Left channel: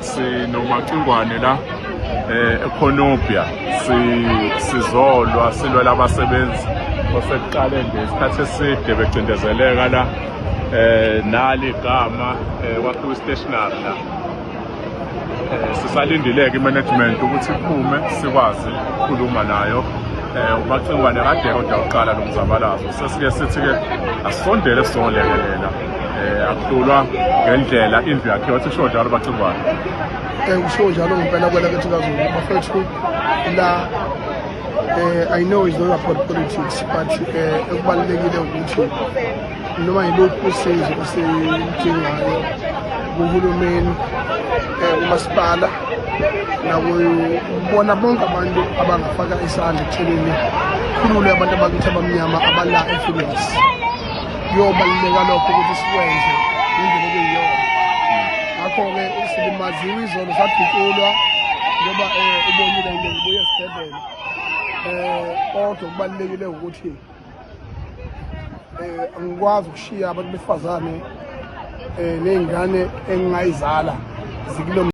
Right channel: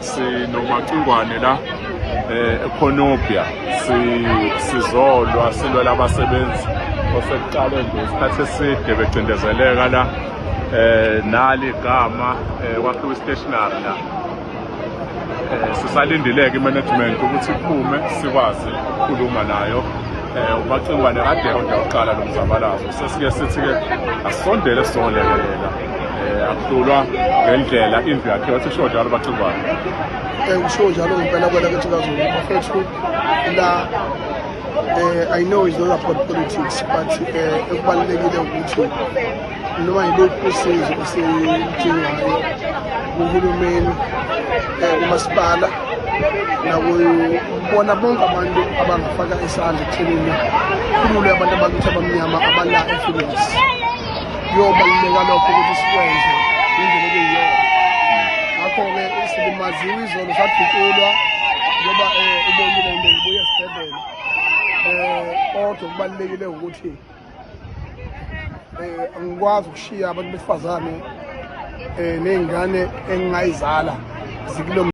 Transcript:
sinomacingwane la eConopia sizolwa silwela abasebenzi osekuqale ngesikhathi eside becindezeleka la nali igama kwakhiwa istationary la sisalindileke imanagement ukuthi iphume sikwazi ukukhuluma nayo umacingwane ade kodwa uqala nomzabalazo sesike sithi-ke asondele sizolekelela akuhlulwa ngendlela indlu yakhe wathi sho njalo bacingwane I know it's not about politics, but umasipala ngabona bonke abantu abangafaka isandla ekuthuleni abantu abakuthi abamnyama abalapha empilweni kuyobaluleka lokho ukuthi sikwenze indlela okuyiyona ngakho-ke silimaziwe izolo sabhukulwa ngoba ubonile ngebuya esibhedlela kodwa kubalulekile ukuthi angikwazi ukushiya abantu besifazane ney'ngane engingayizala zikulo